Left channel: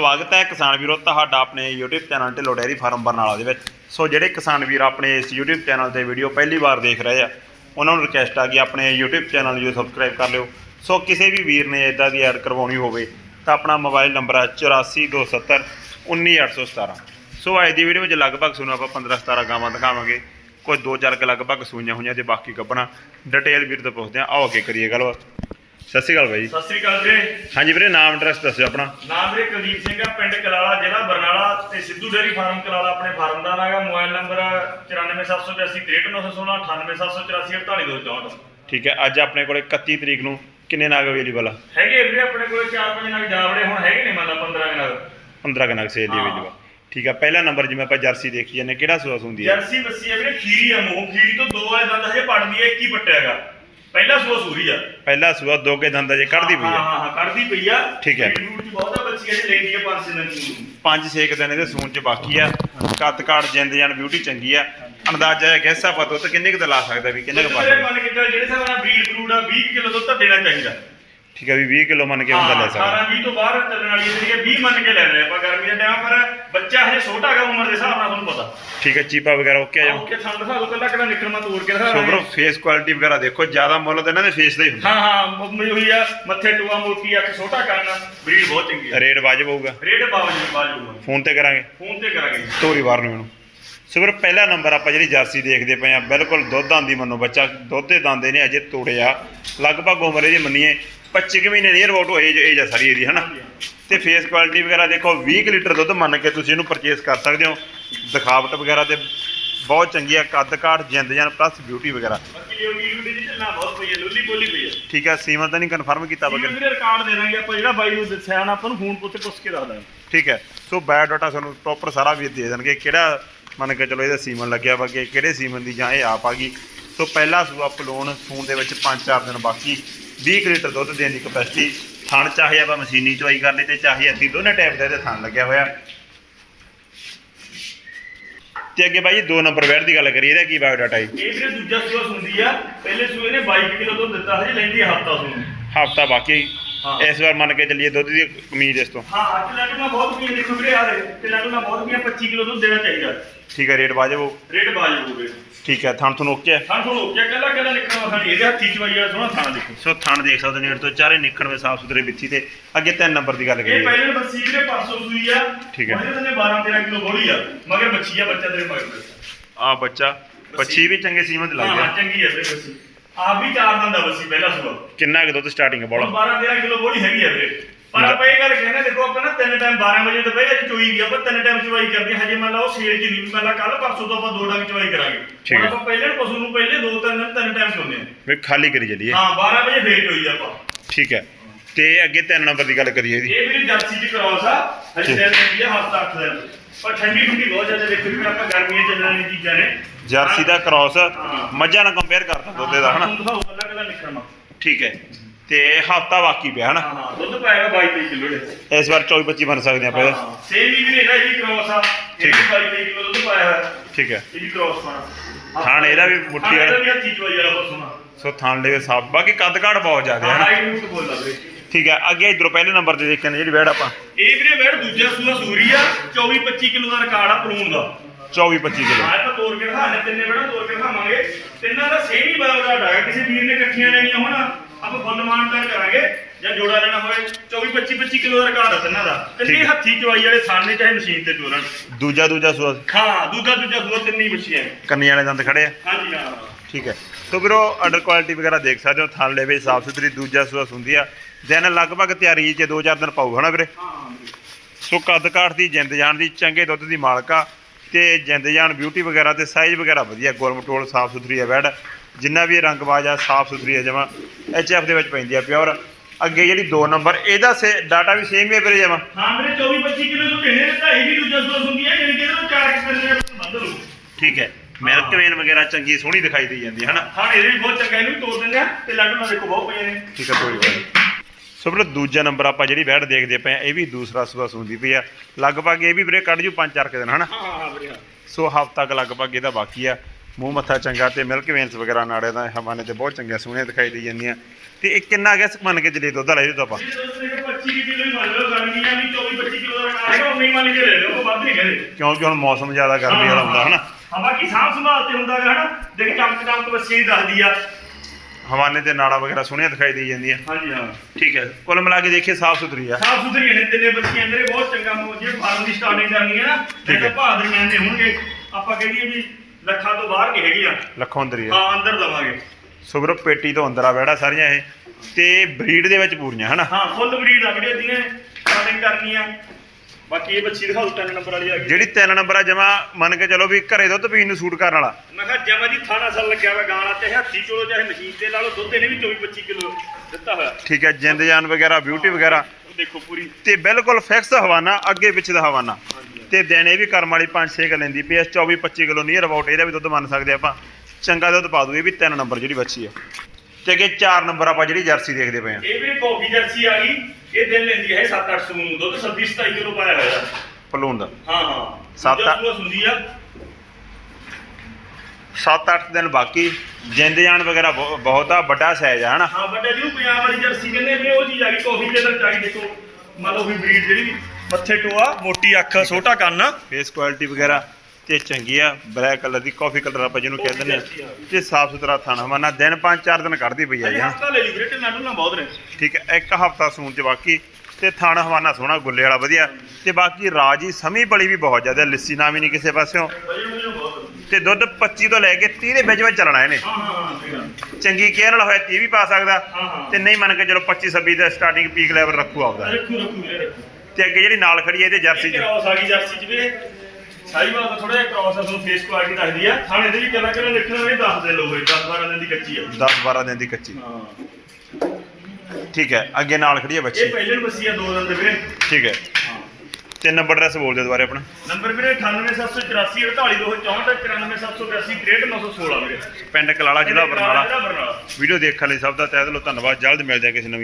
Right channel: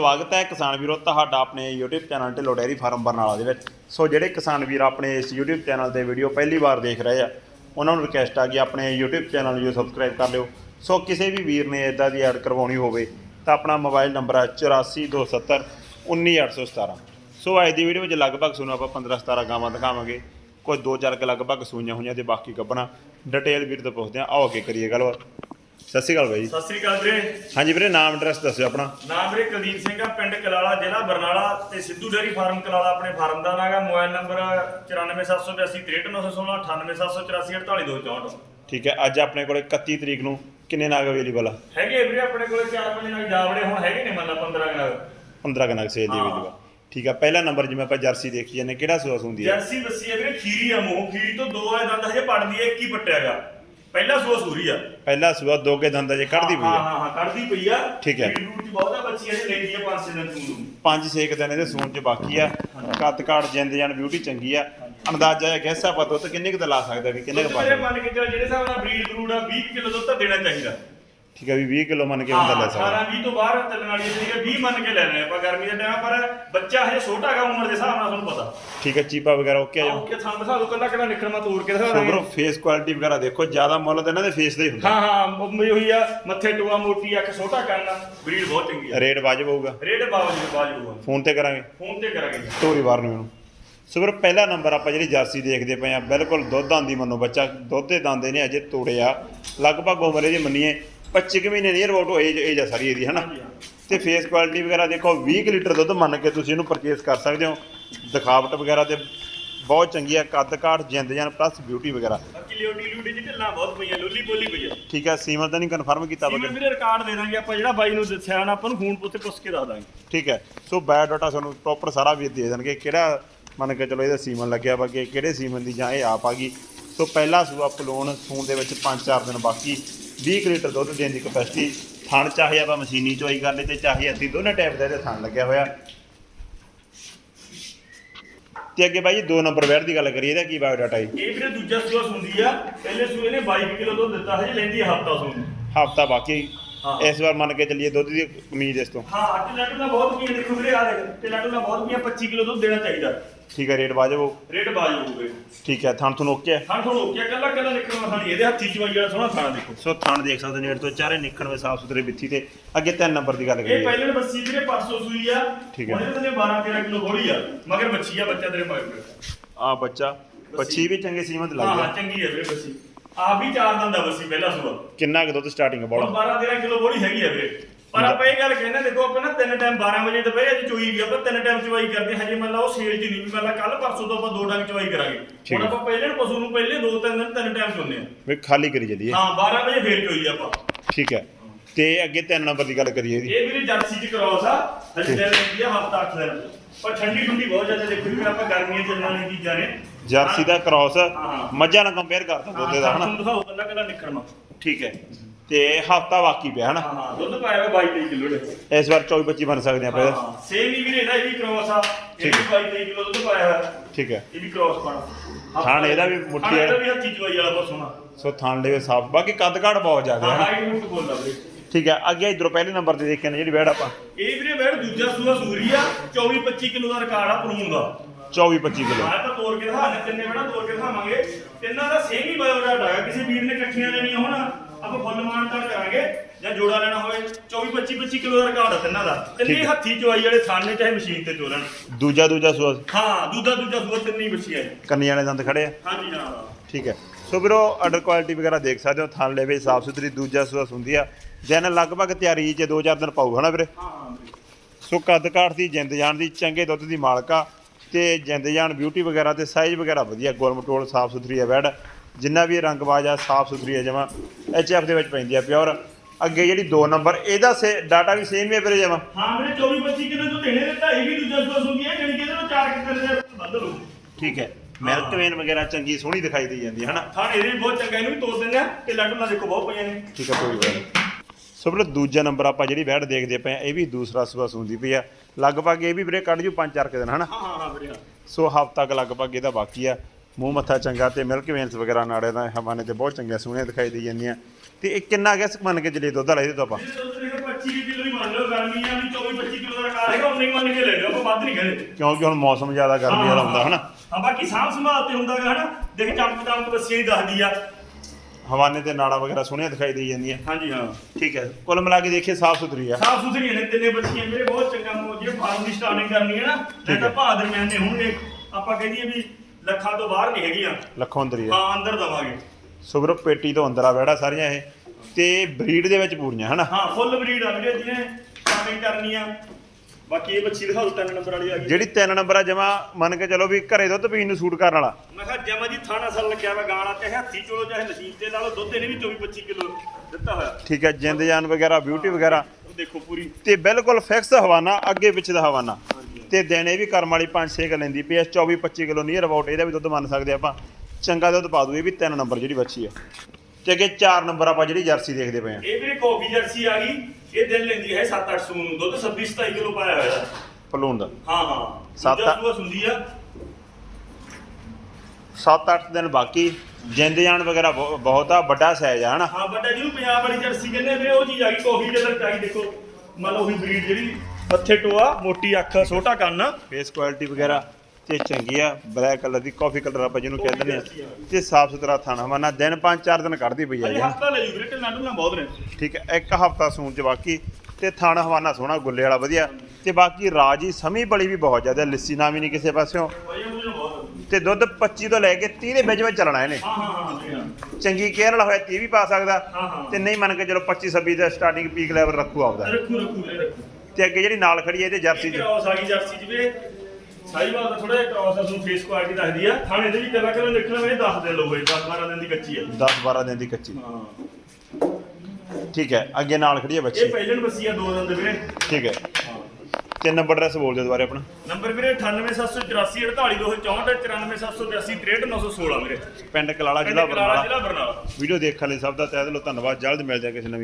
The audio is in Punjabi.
ਸਵਾਗਤ ਹੈ ਕਿਸਾਨ ਵੀਰੋ, ਤੁਹਾਡਾ ਆਪਣੇ YouTube channel Dhillon dairy farm Barnala ਦੇ ਵਿੱਚ। ਸੋ ਜਿਹੜੇ ਕਿਸਾਨ ਵੀਰ ਆਪਣੇ ਇਸ YouTube ਚੈਨਲ ਤੇ ਵੀਡੀਓ ਪਹਿਲੀ ਵਾਰ ਦੇਖ ਰਹੇ ਆ, ਉਹਨਾਂ ਨੂੰ ਰਿਕਵੈਸਟ ਆ ਕਿ ਆਪਣੇ YouTube ਚੈਨਲ ਨੂੰ ਸਬਸਕ੍ਰਾਈਬ ਕਰ ਲਿਓ। ਸੋ ਕਿਸੇ ਵੀ ਵੀਰ ਨੇ ਇਦਾਂ ਦੀ ਐਡ ਕਰਵਾਉਣੀ ਹੋਵੇ, ਤਾਂ ਆਪਣਾ ਮੋਬਾਈਲ ਨੰਬਰ ਹੈ 8427 19817 ਸੋ ਅੱਜ ਦੀ ਵੀਡੀਓ ਵਿੱਚ ਲਗਭਗ ਸੁਣੋ ਆਪਾਂ 15 17 ਗਾਵਾਂ ਦਿਖਾਵਾਂਗੇ। ਕੋਈ ਦੋ ਚਾਰ ਕੇ ਲਗਭਗ ਸੂਈਆਂ ਹੋਈਆਂ ਤੇ ਬਾਕੀ ਗੱਬਣਾ। ਡਿਟੇਲ ਵੀਰ ਤੋਂ ਪੁੱਛਦੇ ਆ। ਆਓ ਅੱਗੇ ਕਰੀਏ ਗੱਲਬਾਤ। ਸਤਿ ਸ਼੍ਰੀ ਅਕਾਲ ਬਾਈ ਜੀ। ਸਤਿ ਸ੍ਰੀ ਅਕਾਲ ਵੀਰੇ। ਹਾਂਜੀ ਵੀਰੇ ਨਾਮ ਐਡਰੈਸ ਦੱਸਿਓ ਆਪਣਾ। ਨਾਮ ਵੀਰੇ ਕੁਲਦੀਪ ਸਿੰਘ ਆ ਪਿੰਡ ਕਲਾਲਾ ਜ਼ਿਲ੍ਹਾ ਬਰਨਾਲਾ ਤੇ ਸਿੱਧੂ ਡੇਅਰੀ ਫਾਰਮ ਕਲਾਲਾ ਆਪਣੇ ਫਾਰਮ ਦਾ ਨਾਮ ਮੋਬਾਈਲ ਨੰਬਰ 9478863716 9878844264 ਠੀਕ ਹੈ ਅੱਜ ਆਪਣੇ ਕੋਲੇ 31 ਤਰੀਕ ਨੂੰ ਕਿੰਨੇ ਨਾਗ ਅਵੇਲੇਬਲ ਆ? ਹੈਗੇ ਵੀਰੇ ਆਪਣੇ ਕੋਲੇ 4-5 ਨਗ। ਜਾਵੜੇ ਹੁਣ ਹੈਗੇ ਨੇ ਮੰਨ ਲਾ 15 ਨਗ। 15 ਕਨਾਕ ਸੇਲ ਦੀ ਹਾਂ। ਅਵੇਲੇਬਲ ਠੀਕ ਹੈ ਪਹਿਲਾ ਨੰਬਰ ਜਿਵੇਂ ਆਪਾਂ ਜਰਸੀ ਦੇਖੀ ਜਾਂਦੇ ਕਿਹੜਾ ਸੂਸ ਹੁੰਦੀ ਹੈ? ਜਰਸੀ ਬੱਸੀ ਆ ਵੀਰੇ ਖੀਰੀ ਆ ਮੂੰਹ। ਖੀਰੀ ਤੋਂ ਦੋ ਵਾਲੇ ਦੰਦ ਹਜੇ ਪੜਦੀ ਹੈ ਇੱਕ ਹੀ ਪੱਟਿਆਗਾ ਪਹਿਲਾ ਸੂਆ ਸੂਰੀ ਆ। ਪਹਿਲਾ ਸੂਆ ਦੋ ਕੇ ਦੰਦਾਂ ਜੇ ਕੱਢਦੀ ਪਈ ਹਾਂ ਹੈ ਕੱਢਦੀ ਪਈ ਆ। ਠੀਕ ਹੈ। ਬਰੀਡ ਬਰੂਡ ਚ ਬਹੁਤ ਆ ਬੱਚੀ ਹਜੇ ਲੈਂਦੀ ਆ 5 ਦਿਨ ਨੂੰ ਪੰਜ ਛੇ ਕੁ ਦਿਨ ਇਹਦੇ ਸੂਣ ਚ ਬਾਕੀ ਆ। ਕੱਦ ਕਾੜ ਜਿੰਦ ਜਾਨ ਬਿਊਟੀ ਚੰਗੀ ਆ। ਅੰਦਾਜ਼ਾ ਹੈ ਗੈਸਾ ਪਤਾ ਤੇ ਕਿੰਨੇ ਕੁ ਦਾ ਲਾ ਸਕਦਾ ਵੀ ਕਿੰਨੇ ਕੁ ਪਾ ਵੀਰੇ ਸਕਦਾ? ਮੰਨ ਕੇ ਚੱਲ ਜਿਹੜੇ ਹਿਸਾਬ ਨਾਲ ਬਰੀਡ ਬਰੂਡ ਆ 20 ਕਿਲੋ ਦੁੱਧ ਤਾਂ ਦੇਣਾ ਚਾਹੀਦਾ। ਠੀਕ ਹੈ ਵੀ 20 ਕਿਲੋ ਮੰਨ ਕੇ ਬੰਦਾ ਲੈ ਸਕਦਾ 18 20 ਤੋਂ ਬਾਹਰ ਚੱਲਣ ਵਾਲੀ ਜਿਹੜੀ 20 ਮੰਨ ਕੇ ਲੈ ਰਹੇ ਆਪਾਂ ਗਰਮੀ ਦੇ ਟਾਈਮ ਪਰ ਬੱਚਾ ਹਜੇ ਛੋਟਾ ਹੈਗਾ ਉਮਰ ਦੇ ਹਿਸਾਬ ਨਾਲ ਤੁਹਾਨੂੰ ਪਤਾ। ਠੀਕ ਹੈ ਚੀਪਾ ਵਗੈਰਾ ਓਕੇ ਆ ਜਾਓ ਓਕੇ ਸਾਨੂੰ ਦਿਖਾ ਦੋ ਕੱਲਾ ਕਿਹੜਾ ਨਿਕਲ ਮੈਂ ਤੋੜ ਕੇ ਦਿਖਾ ਸੋ ਬਰੋ ਫੇਸ ਕੁਆਲਿਟੀ ਵਗੈਰਾ ਦੇਖੋ ਜ਼ਿਆਦਾ ਮੁੱਲ ਤਾਂ ਇਹਨਾਂ ਦੇ ਫੇਸ ਦਾ ਹੀ ਹੁੰਦਾ। ਹਾਂ ਹਾਂ ਹੋਈ ਆ ਮੱਥੇ ਟੂਆ ਮੋਟੀ ਅੱਖ ਛੋਟਾ ਕੰਨ ਬਰੀਡ ਬਹੁਤ ਚੰਗੀ ਆ। ਰੇਟ ਵਾਜਬ ਹੋਊਗਾ। ਰੇਟ ਬਾਵਜੂਦ ਬਾਜੂਗਾ ਫੋਨ ਤੇ ਕਰਾਂਗੇ। ਫੋਨ ਤੇ ਕਰਾਂਗੇ ਤੋਰੀ ਵਾਰ ਨੂੰ ਇਹਨੂੰ। ਸੋ ਵੀਰ ਪਹਿਲਾ ਨੰਬਰ ਆਪਾਂ ਜਿਹੜੀ ਜਰਸੀ ਦੇਖਦੇ ਪਏ ਆ ਬਿਲਕੁਲ ਦੁੱਧ ਆਂਦੀ ਮੰਨੋ ਬੱਚਾ ਦੁੱਧ ਦੇ ਦਾਂਦੇ ਨੇ ਅਜੇ ਤੋੜੇ ਆ। ਲਗਭਗ ਉਮਰ ਇਹਦੀ ਮੰਨੀਏ 25 ਕੁ ਮਹੀਨੇ ਦੀ ਏਅਰ ਅਬਾਊਟ ਏਜ ਆ ਸਾਰੀ ਇਹਦੀ ਹਨਾ? ਤੇ ਫੇਸ ਕੁਆਲਿਟੀ ਵਗੈਰਾ ਦੇਖੋ 20 ਕੁ ਲੀਟਰ ਦੁੱਧ ਮੰਨ ਕੇ ਤੁਸੀਂ ਇਹਨੂੰ ਪਰਚੇਸ ਕਰ ਸਕਦੇ ਹੋ। ਦਿਖਾਵਟ ਵਗੈਰਾ ਤੇ ਬਹੁਤ ਚੰਗੀ ਆ ਕੱਦ ਕਾਠ ਜਿੰਦ ਜਾਨ ਪਲੱਸ ਬਿਊਟੀ ਵਗੈਰਾ। ਠੀਕ ਆ ਸੀਮਾ ਤਾਂ ਨਹੀਂ ਕਨਫਰਮ ਕੀਤਾ ਬਗਰ ਵੀਰੇ ਰਿਕਾਰਡ ਦੇ ਦਾਂਗੇ ਆਪਾਂ ਜਿਹੜਾ ਬਾਈ ਨੂੰ ਦੱਸਿਆ ਨਾ ਆਪਾਂ ਨੂੰ ਫੋਨ ਪੁੱਛ ਪੁੱਛ ਕੇ ਦੱਸ ਦਾਂਗੇ। ਠੀਕ ਹੈ ਸੋ ਬਾਇਓਡਾਟਾ ਤੁਹਾਨੂੰ ਪ੍ਰੋਪਰ ਸਾਰਾ ਵੀ ਦੇ ਦੇਣਗੇ ਕਿਹੜਾ ਮੰਨ ਕੇ ਚਲੋ ਇਹਦਾ ਸੀਮਨ ਲੱਗਿਆ ਵਾ ਕਿ ਕਿਹੜੇ ਸੀਮਨ ਦੀ ਜਾਂ ਇਹ ਆਪ ਆ ਗਈ। ਸੋ ਪਹਿਲਾ ਸੂਆ ਪਲੋਨ ਸੂਣ ਦੇ ਵਿੱਚ 5-4 ਦਿਨ ਬਾਕੀ। 20 ਕੁ ਲੀਟਰ ਦੁੱਧ ਦੇਣ ਦੀ ਕਪੈਸਿਟੀ ਥਣ ਚਾਹੇ ਆਪਾਂ ਮਸ਼ੀਨੀ ਚਵਾਈ ਕਰ ਲਈ ਤੇ ਚਾਹੇ ਅਸੀਂ ਦੋਨੇ ਟਾਈਪ ਦਾ ਇਹਦੇ ਥਣ ਲੱਗਿਆ ਹੋਇਆ। ਤੇ ਅੱਗੇ ਬਾਈ ਜੀ ਦੋ ਨੰਬਰ ਵੈਟ ਦੀ ਗੱਲ ਕਰੀਏ ਇਹਦਾ ਕੀ ਬਾਇਓਡਾਟਾ ਹੈ ਇਹ ਵੀਰੇ ਦੂਜਾ ਸੂਆ ਸੁਣਦੀ ਆ। ਪਹਿਲੇ ਸੂਏ ਨੇ 22 ਕਿਲੋ ਦੁੱਧ ਦਿੱਤਾ ਹਜੇ ਲੈਂਦੀ ਹਫਤਾ ਸੂਣ ਹਫਤਾ ਬਾਕੀ ਹਾਂ। ਇਸ ਵਾਰ ਮੰਨ ਕੇ ਚੱਲੀਏ ਦੁੱਧ ਦੀ ਕਮੀਜ਼ ਇਸ ਤੋਂ। ਹਾਂ ਲੱਡੂ ਦਾ ਬਹੁਤ ਪੀਣ ਦੇਖੋ ਵੀਰੇ ਆ ਦੇ ਤੇ ਲੱਡੂ ਦਾ ਬਹੁਤ ਪੀਣ 25 ਕਿਲੋ ਦੁੱਧ ਦੇਣਾ ਚਾਹੀਦਾ। ਠੀਕ ਹੈ ਰੇਟ ਵਾਜਬ ਰੇਟ ਬਾਜ ਹੋਊਗੇ ਠੀਕ ਹੈ ਥਣ ਤੁਹਾਨੂੰ ਓਕੇ ਹੈ ਹਾਂ ਤੁਹਾਨੂੰ ਹੋ ਗਿਆ ਕੱਲਾ ਕੱਲਾ ਨਿਕਲਣਾ ਸਾਡੀ ਇਹਦੇ ਹੱਥੀ ਚਵਾਈ ਵਾਲਾ ਸੋਹਣਾ ਖਾਣਾ ਦੇਖੋ। ਸੋ ਥਣ ਦੇਖ ਸਕਦੇ ਨੇੜ ਤੋਂ ਚਾਰੇ ਨਿਕਣ ਵੇ ਸਾਫ਼ ਸੁਥਰੇ ਵਿੱਥੀ ਤੇ ਅੱਗੇ ਤਿੰਨ ਨੰਬਰ ਦੀ ਗੱਲ ਇਹ ਕਰੀਏ ਪਹਿਲੇ ਬੱਸੀ ਵੀਰੇ 500 ਸੂਈ ਆ। ਠੀਕ ਹੈ। ਉਹਦੇ ਥੱਲੇ 12 13 ਕਿਲੋ ਬੋਲੀ ਆ ਮਗਰ ਬੱਚੀ ਆ ਬੱਚਾ ਤੇਰੇ ਮਗਰ। ਆ ਬੱਚਾ ਬੱਚੀ ਵੀ ਚੰਗੇ ਸੀਮਾ ਤੇ ਲੱਗ ਹਾਂ ਗਿਆ ਹਾਂ, ਚੰਗੀ ਆ ਵੀਰੇ ਬੱਸੀ ਆਪ ਵੀ ਚਾਰ ਦਿਨ ਦਾ ਬੱਸੀ ਪਹਿਲਾ ਸੂਆ। ਕਿੰਨਾ ਕੁ ਦੁੱਧ ਸਟਾਰਟਿੰਗ ਹੁਣ ਬੋਲਾ। 12 13 ਕਿਲੋ ਬੋਲੀ ਹੈਗੀ ਆ ਵੀਰੇ। ਪਰ ਆਪਾਂ ਇਹ ਗੱਲ ਕਹਿੰਦੇ ਦੇਖੋ ਆਪਾਂ ਨਾ ਤਿੰਨ ਟਾਈਮ 12 ਵਜੇ ਤੋਂ ਪਹਿਲਾਂ ਚੋਈ ਵੀ ਆਪਾਂ ਤਿੰਨ ਟਾਈਮ ਚਵਾਈ ਕਰਦੇ ਹਾਂ। ਹਜੇ ਮੰਨ ਲਾ ਉਹ ਸੇਲ ਚ ਨਹੀਂ ਮੰਨ ਲਾ ਕੱਲ ਪਰਸੋਂ ਤੋਂ ਆਪਾਂ ਦੋ ਟਾਈਮ ਚਵਾਈ ਕਰਾਂਗੇ। ਠੀਕ ਹੁਣ ਹੈ। ਆਪਾਂ ਪਹਿਲੇ ਪਸ਼ੂ ਨੂੰ ਪਹਿਲੇ ਦੋ ਤਿੰਨ ਦਿਨ ਤਿੰਨ ਟਾਈਮ ਆ। ਵੀ ਖਾਲੀ ਕਰੀ ਚੱਲੀਏ ਹਾਂ 12 ਵਜੇ ਫੇਰ ਚੋਈ ਆਪਾਂ। ਠੀਕ ਹੈ ਤੇ ਅੱਗੇ ਤਿੰਨ ਨੰਬਰ ਦੀ ਗੱਲ ਕਰੀਏ ਇਹਦੀ। ਇਹ ਵੀਰੇ ਜਰਸੀ ਚ ਕਰਾਸ ਆ। ਹਜੇ ਦਿਨ ਆ ਹਫਤਾ 8 ਦਿਨ। ਪਰ ਠੰਡੀ ਠੰਡੀ ਬਹੁਤ ਜ਼ਿਆਦਾ ਦੇਖੋ ਵੀ ਆਪਾਂ ਗਰਮੀਆਂ ਚ ਚੱਲਣ ਵਾਲੀਆਂ ਚੀਜ਼ਾਂ ਨੇ। ਜਰਸੀ ਦਾ ਕ੍ਰਾਸ ਹਾਂ। ਮੱਝਾਂ ਨਾਲ ਕੰਪੇਅਰ ਕਰਦਾ ਦੁੱਧ ਦਾ ਹਨਾ? ਦਿਖਾਓ ਕੱਲਾ ਕੱਲਾ ਨਿਕਲਣਾ। ਠੀਕ ਹੈ। ਤੇ ਹਫਤਾ ਬਾਕੀ ਪਿਆ ਹਨਾ? ਹਾਂ ਹਾਂ ਦੁੱਧ ਪਾਏਗਾ 22 23 ਕਿਲੋ ਇਸ ਵਾਰ 24 25 ਬਣ ਸਕਦੇ ਆਪਾਂ ਇਹਦਾ। ਹਾਂ ਸੇਮ ਹੀ ਵੀਰੇ ਇਹਦਾ ਇਹ ਵੀ ਕ੍ਰਾਸ ਆ। ਇਹ ਠੀਕ ਵੀ 22 23 ਕਿਲੋ ਦੁੱਧ ਪਾਇਆ ਹੋਇਆ। ਠੀਕ ਹੈ। ਇਹ ਵੀ ਕ੍ਰਾਸ ਪਾਣਾ ਥਾਣ ਇਹਦਾ ਵੀ ਮੁੱਠੀ ਹਾਂ, ਇਹਦਾ ਵਾਲਾ। ਵੀ ਹੱਥੀ ਚਵਾਈ ਵਾਲਾ ਬਹੁਤ ਸੋਹਣਾ। ਸੋ ਥਾਣ ਦੇ ਸਾਫ਼ ਬਾਕੀ ਕੱਦ ਕਾਠ ਬਹੁਤ ਜ਼ਿਆਦਾ ਹਾਂ ਹੈ ਹਾਈਟ ਰੂਟ ਬੋਲਦਾ ਵੀਰੇ। ਠੀਕ ਹੈ ਅੱਗੇ ਇਧਰੋਂ ਪਹਿਲੇ ਨੰਬਰ ਤੇ ਦੇਖਿਆ ਨੇ ਜਿਹੜੀ ਵੈੜ ਆਪਾਂ। ਇਹ ਵੀਰੇ ਬੈੜ ਦੂਜਾ ਸੂਆ ਸੂਰੀ ਆ 24 25 ਕਿਲੋ ਦਾ ਰਿਕਾਰਡ ਆ ਪਲੂਨ ਦਾ। 24 25 ਕਿਲੋ। ਆਇਆ ਤਾਂ ਤੋੜ ਕੇ ਦਿਖਾਣੇ ਤਿੰਨੇ ਬੜਾ ਤੋੜ ਕੇ ਦਿਖਾਵਾਂਗੇ। ਤਿੰਨਾਂ ਦਾ ਸੇਮ ਹੀ ਬਾਇਓਡਾਟਾ ਹੈ ਕਿਸੇ ਵੀਰ ਨੇ ਇਕੱਠੀਆਂ ਲੈਣੀਆਂ ਹੋਣ ਆਪਾਂ ਫੁੱਲ ਮਾਨਤਾ ਕਰਾਂਗੇ ਜਾਂ ਜੋੜਾ ਲੈਣਾ ਹੋਵੇ। 24 25 25 ਕਿਲੋ ਦਾ ਰਿਕਾਰਡ ਹੈ ਤਿੰਨਾਂ ਦਾ। ਤਿੰਨੇ ਹੈ। ਹੱਥੀ ਚਵਾਈ ਵਾਲੇ ਸਾਹਮਣੇ ਚਾਹੇ ਮਸ਼ੀਨ ਤੇ ਚੋਲਣ। ਦੂਜਾ ਦੂਜਾ ਸੂਆ। ਹਾਂ ਦੂਜਾ ਦੂਜਾ ਸੂਆ ਤਿੰਨੀ ਹੈ। ਕੰਨੀ ਵਾਲੇ ਦੰਦ ਖੜੇ ਆ। ਹਾਂਜੀ ਹਾਂ। ਠੀਕ ਹੈ। ਸੋ ਵੀਰੋ ਆਰਡਰ ਕੁਆਲਿਟੀ ਵਗੈਰਾ ਦੇਖ ਸਕਦੇ ਹੋ ਥਣ ਲੈਵੇ ਸਾਫ਼ ਸੁਥਰੀ ਦੂਜਾ ਸੂਆ ਹੁੰਦੀ ਆ। ਦਿਨ ਲਗਭਗ ਤਿਆਰੀ 'ਚ 2-4 ਦਿਨ ਪਾਊਗਾ ਹਨਾ ਵੀਰੇ? ਸੋ ਕੱਦ ਕਾਠ ਦੀ ਜਿੰਦ ਜਾਨ ਦੀ ਚੰਗੇ ਦੁੱਧ ਦੀ ਮਾਲਕਾ ਤੇ ਜਿੰਦ ਜਾਨ ਬਿਊਟੀ ਵਗੈਰਾ ਤੇ ਸਾਈਜ਼ ਵਗੈਰਾ ਵਧੀਆ ਗੋਲਮਟੋਲ ਸਾਫ਼ ਸੁਥਰੀ ਆ ਵੈੜ ਜਿੰਨਾ ਵੀ ਰੰਗਬਾਜ ਆ ਸਾਫ਼ ਸੁਥਰੀ ਆ ਜਮਾ। ਐਫ ਦੇ ਵਿੱਚ ਪੈਂਦੀ ਆ ਪਿਓਰ ਅੱਗੇ ਜਿਹੜੀ 2 ਨੰਬਰ ਇਹਦਾ ਸੇ ਡਾਟਾ ਵੀ ਸੇਮ ਹੀ ਹੈ ਵੀਰੇ ਜਮਾ। ਹਾਂ ਮੇਰੇ 24 25 ਕਿਲੋ ਤੋਂ ਦੇਣੇ ਦਿੱਤਾ ਇਹ ਵੀ ਦੂਜਾ ਸੂਆ ਹੁੰਦੀ ਹੈ ਯਾਨੀ ਕਿ ਇਹਦੇ ਨਾਲ 4 ਕਿਲੋ ਦੇ ਵੱਧ ਲੂ ਠੀਕ ਹੈ। ਮਿਲਕ ਵੇਨ ਵਗੈਰਾ ਚੰਗੀ ਸੋਹਣੀ ਦਿਖਾਈ ਦੀ ਜਾਂਦੀ ਹੈ ਹਨਾ? ਹਾਂ ਇਹਦੇ ਵੀ ਬਹੁਤ ਚੰਗਾ ਇਹਨੂੰ ਵੀ ਤੋੜ ਦਿੰਦੇ ਆ ਤੇ ਲੱਡੂ ਨਾਲ ਦੇਖੋ ਬਹੁਤ ਪਈਆਂ ਨੇ। ਠੀਕ ਹੈ ਕੋਈ ਗੱਲ ਨਹੀਂ ਸੋ ਵੀਰੇ ਦੂਜਾ ਨੰਬਰ ਆਪਾਂ ਜਿਹੜੀ ਵੈੜ ਦੇਖਦੇ ਪਏ ਆ ਇਹ ਵੀ ਦੂਸਰਾ ਸੂਆ ਸੁੰਦੀ ਪਈ ਆ। ਲਗਭਗ ਇਹ ਵੀ ਵੀਰੇ ਕੱਢ ਜੂ 5-4 ਦਿਨ ਹਨਾ? ਹਾਂ ਹਾਂ ਹਾਂ ਵੀਰੇ ਸੋ ਹਫ਼ਤਾ ਕੁ ਲਗਭਗ ਇਹਦਾ ਬਾਕੀ ਆ। ਮੂੰਹ ਮੱਥਾ ਚੰਗਾ ਤੇ ਮਿਲਕ ਵੇਨਸ ਵਗੈਰਾ ਨਾੜੇ ਦਾ ਹਵਾਨੇ ਤੇ ਬਹੁਤ ਚੰਗੀਆਂ ਸੋਹਣੀਆਂ ਦਿਖਾਈ ਦੇ ਜਾਂਦੀਆਂ। ਤੇ ਇਹ ਕਿੰਨਾ ਗੈਸ ਮੰਨ ਕੇ ਚਲੇ ਦੁੱਧ ਵਾਲਾ ਇਹਦੇ ਤੋਂ ਆਪਾਂ? ਇਹ ਦੁੱਧ ਦੇ 25 ਕਿਲੋ ਹੀ ਮੰਨ ਲਓ ਗਰਮੀਆਂ ਵੀ 24 25 ਕਿਲੋ ਦਾ ਰਿਕਾਰਡ ਹੈਗਾ ਉਹ ਨਹੀਂ ਮੰਨ ਕੇ ਲੈ ਲਿਓ ਆਪਾਂ ਵੱਧ ਨਹੀਂ ਕਹਿੰਦੇ ਕਿਉਂਕਿ ਹੁਣ ਮੌਸਮ ਜ਼ਿਆਦਾ ਗਰਮੀ ਵਾਲਾ ਹੁੰਦਾ ਹਨਾ? ਹਾਂ ਬਾਕੀ ਸਾਂਭ ਸੰਭਾਲ ਤੇ ਹੁੰਦਾ ਹੈ ਹਨਾ? ਦੇਖ ਚਮਕ ਚਮਕ ਹੀ ਦੱਸਦੀ ਆ। ਹਵਾਨੇ ਤੇ ਨਾੜਾ ਵਗੈਰਾ ਸੋਹਣੀਆਂ ਦਿਖਾਈ ਦੇ ਜਾਂਦੀਆਂ। ਹਾਂਜੀ ਹਾਂ। ਠੀਕ ਹੈ ਕੁੱਲ ਮਿਲਾ ਕੇ ਦੇਖੀਏ ਸਾਫ਼ ਸੁਥਰੀ ਆ। ਸਾਫ਼ ਸੁਥਰੀਆਂ ਨੇ ਤਿੰਨੇ ਬੱਚੀਆਂ ਮੇਰੇ ਬਹੁਤ ਚੰਗਾ ਮੋਹ ਜੇ ਫਾਰਮ ਦੀ ਸਟਾਰਟਿੰਗ ਕਰਨੀ ਹੈ ਨਾ ਠੀਕ ਤੇ ਹੈ। ਦੇ ਹੋਣਗੇ। ਆਪਾਂ ਕਹੀਏ ਵੀ ਲੱਖਾਂ ਤੋਂ ਬਾਹਰ ਨਹੀਂ ਹੈਗੀਆਂ। ਲੱਖੋਂ ਅੰਦਰ ਹੀ ਆ। ਹਾਂ ਅੰਦਰ ਦਵਾਂਗੇ। ਸੁਗਰ ਪੇਟੀ ਤੋਂ ਅੰਦਰ ਆ ਬੈੜਾ ਸਾਰੀਆਂ ਇਹ। ਤੇ ਬਰੀਡ ਦੇ ਵਿੱਚ ਪੂਰੀਆਂ ਹਨਾ? ਹਾਂ ਫੁੱਲ ਬਰੀਡ ਆ ਵੀਡੀਓ ਦੀਆਂ ਸਟਾਰਟਿੰਗ ਕਰਨੀ ਆ ਬਾਕੀ ਇਹ ਬੱਚੀ ਦਿਖਾਓ ਤਿੰਨ ਨੰਬਰ ਵਾਲੀ ਆ ਗਈ। ਜਿਹੜੀ ਤਿੰਨ ਨੰਬਰ ਆ ਜਮਾ ਮੰਨ ਕੇ ਚਲੋ ਵੀ ਘਰੇ ਦੁੱਧ ਪੀਣ ਨੂੰ ਸੂਟ ਕਰਨ ਵਾਲਾ। ਮੈਂ ਕਿਹਾ ਜਮਾ ਜੀ ਥਾਣਾ ਅਸਲ ਲੱਗਿਆ ਵਾ ਗਾਣਾ ਤੇ ਹੱਥੀ ਚੋਲੋ ਚਾਹੇ ਮਸ਼ੀਨ ਤੇ ਲਾ ਲਓ ਦੁੱਧ ਇਹਨੇ ਵੀ 24 25 ਕਿਲੋ ਦਿੱਤਾ ਹੋਇਆ। ਠੀਕ ਹੈ ਜਿੰਦ ਜਾਨ ਵਗੈਰਾ ਬਿਊਟੀ ਵਗੈਰਾ। ਦੇਖੋ ਪੂਰੀ। ਤੇ ਬਿਲਕੁਲ ਫਿਕਸ ਹਵਾਨਾ ਅੱਗੇ ਪਿੱਛੇ ਦਾ ਹਵਾਨਾ। ਤੇ ਦਿਨ ਇਹ ਵੀ ਕਰਮ ਵਾਲੀ 5-6 ਕਿਲੋ ਲੈਂਦੀ ਪਈ ਐ 24-25 ਕਿਲੋ ਨੀਅਰ ਅਬਾਊਟ ਇਹਦਾ ਵੀ ਦੁੱਧ ਮੰਨ ਸਕਦੇ ਆਪਾਂ। ਚੰਗਾ ਦੁੱਧ ਪਾ ਦੂ ਇਹ ਵੀ ਤਿੰਨ ਨੰਬਰ ਜਿਹੜੀ ਬੱਚੀ ਆ। ਤੇ ਅੱਗੇ 4 ਨੰਬਰ ਆਪਾਂ ਜਿਹੜੀ ਜਰਸੀ ਦੇਖਦੇ ਪਏ ਆ। ਇਹ ਵੀ ਕਾਫੀ ਜਰਸੀ ਆ ਗਈ ਇਹ ਦਿਨ ਲੈਂਦੀ ਹੈ 7-8 ਨੂੰ ਦੁੱਧ 26-27 ਕਿਲੋ ਪਾਇਆ ਹੋਇਆ। ਪਲੂਨ ਦਾ। ਹਾਂ ਹਾਂ। ਸੱਤ- ਦੂਜਾ ਸੂਆ ਸੁੰਦੀ ਆ। 7-8 ਦਿਨ ਬਾਕੀ ਜਿੰਦ ਜਾਨ ਵਗੈਰਾ ਬਹੁ- ਬਹੁਤ ਆ ਵੱਡਾ ਸਾਈਜ਼ ਆ ਹਨਾ? ਹਾਂ ਵੱਡਾ ਜਿਹਨੂੰ ਪੰਜਾਬ ਵਾਲੀ ਜਰਸੀ ਕਹਿੰਦੇ ਵੀ ਉਹ ਚੀਜ਼ ਆ ਗਈ ਕਾਫੀ ਕਲਰ ਚ ਆ ਗਈ ਦੇਖੋ ਲਓ ਵੀ ਬਰੀਡ ਜਿਹੜੀ ਮੱਥੇ ਟੋਆ ਮੋਟੀ ਅੱਖ ਛੋਟਾ ਕੰਨ। ਫੇਸ ਕੁਆਲਿਟੀ ਵਗੈਰਾ। ਤੇ ਚੰਗੀ ਆ ਬਲੈਕ ਕਲਰ ਦੀ ਕਾਫੀ ਕਲਰ ਆਪਾਂ ਜਿਹਨੂੰ ਕਹਿ ਦਿੰਦੇ ਆ। ਤੇ ਸਾਫ਼ ਸੁਥਰਾ ਥਾਣਾ ਹਵਾਨਾ ਦਿਨ 5-4 ਦਿਨ ਕੱਢਦੀ ਪਈ ਆ ਜੀ। ਹਨਾ। ਹਫਤਾ ਲੈ ਵੀਰੇ ਢਿੱਲਾਂ ਢੁੱਲਾਂ ਬਹੁਤ ਨੇ ਠੀਕ ਹੈ ਇੱਕ ਹਫਤਾ ਸੂਣ ਚ ਬਾਕੀ ਤੇ ਥਾਣਾ ਹਵਾਨਾ ਸੋਹਣਾ ਗੁੱਲੇ ਵਾਲਾ ਵਧੀਆ। ਤੇ ਬਾਕੀ ਰਾਜੀ ਸਮੀ ਬੜੀ ਵੀ ਬਹੁਤ ਜ਼ਿਆਦਾ ਲਿੱਸੀ ਨਾ ਵੀ ਨਹੀਂ ਕਿਸੇ ਪਾਸਿਓਂ। ਤੇ ਦੁੱਧ 25 ਤੋਂ ਲੈ ਕੇ 30 ਦੇ ਵਿੱਚ ਵਿੱਚ ਚੱਲਣਾ ਇਹਨੇ। ਹਾਂ ਹਾਂ ਹਾਂ। ਚੰਗੀ ਕੇਅਰ ਨਾਲ ਹੋਇਆ 30 ਵੀ ਪਾ ਸਕਦਾ। ਹਾਂ ਹਾਂ ਤੇ ਨਹੀਂ ਮੰਨ ਕੇ ਚਲੋ 25 26 ਦਾ ਸਟਾਰਟਿੰਗ ਪੀਕ ਲੈਵਲ ਰੱਖੂ ਆਪਦਾ। ਤੇ ਅੱਗੇ ਜਿਹੜੀ ਨਾਲ ਖੜੀ ਹੈ ਇਹਦੇ ਜਰਸੀ ਚ। ਜਰਸੀ ਚ ਵੀ ਸਾਰੀ ਵਾਰ ਥੋੜਾ ਜਿਹਾ ਕ੍ਰਾਸ ਆ ਤੁਹਾਨੂੰ ਫੇਸ ਕੁਆਲਿਟੀ ਦੱਸਦੀ ਆ। ਥਾਣੇ ਦੇ ਵੀ ਕਰਾਂ ਕਰਾਂ ਦੇਖਣਾ ਇਹ 10 ਦੇ ਲੋਗੇ 10 12 ਦਿਨ ਦੀ ਕੱਚੀ ਆ। 10 12 ਦਿਨ ਦੀ ਕੱਚੀ। ਹਾਂ। ਠੀਕ ਹੈ ਅੱਗੇ ਨਾਲ ਖੜੀ ਹੈ ਇਹ ਬੱਚੀ ਪਹਿਲੇ ਨੂੰ ਬੱਸੀ ਆ ਦੋ ਦਿਨ ਦੇ ਵੀਰੇ। ਠੀਕ ਹੈ। ਹਾਂ। ਤੇ ਨੰਬਰ ਐਡਰੈਸ ਬੋਲ ਦਿਓ ਦੁਬਾਰੇ ਆਪਣਾ। ਨੰਬਰ ਵੀਰੇ 98784 48264 94264 916 ਵੀਰੇ। ਪਿੰਡ ਕਲਾਲਾ ਜ਼ਿਲ੍ਹਾ ਬਰਨਾਲਾ। ਵੀਡੀਓ ਦੇਖਣ ਲਈ ਸਭ ਦਾ ਤਹਿ ਦਿਲੋਂ ਧੰਨਵਾਦ। ਜਲਦ ਮਿਲਦੇ ਹਾਂ ਕਿਸੇ ਨਵੀਂ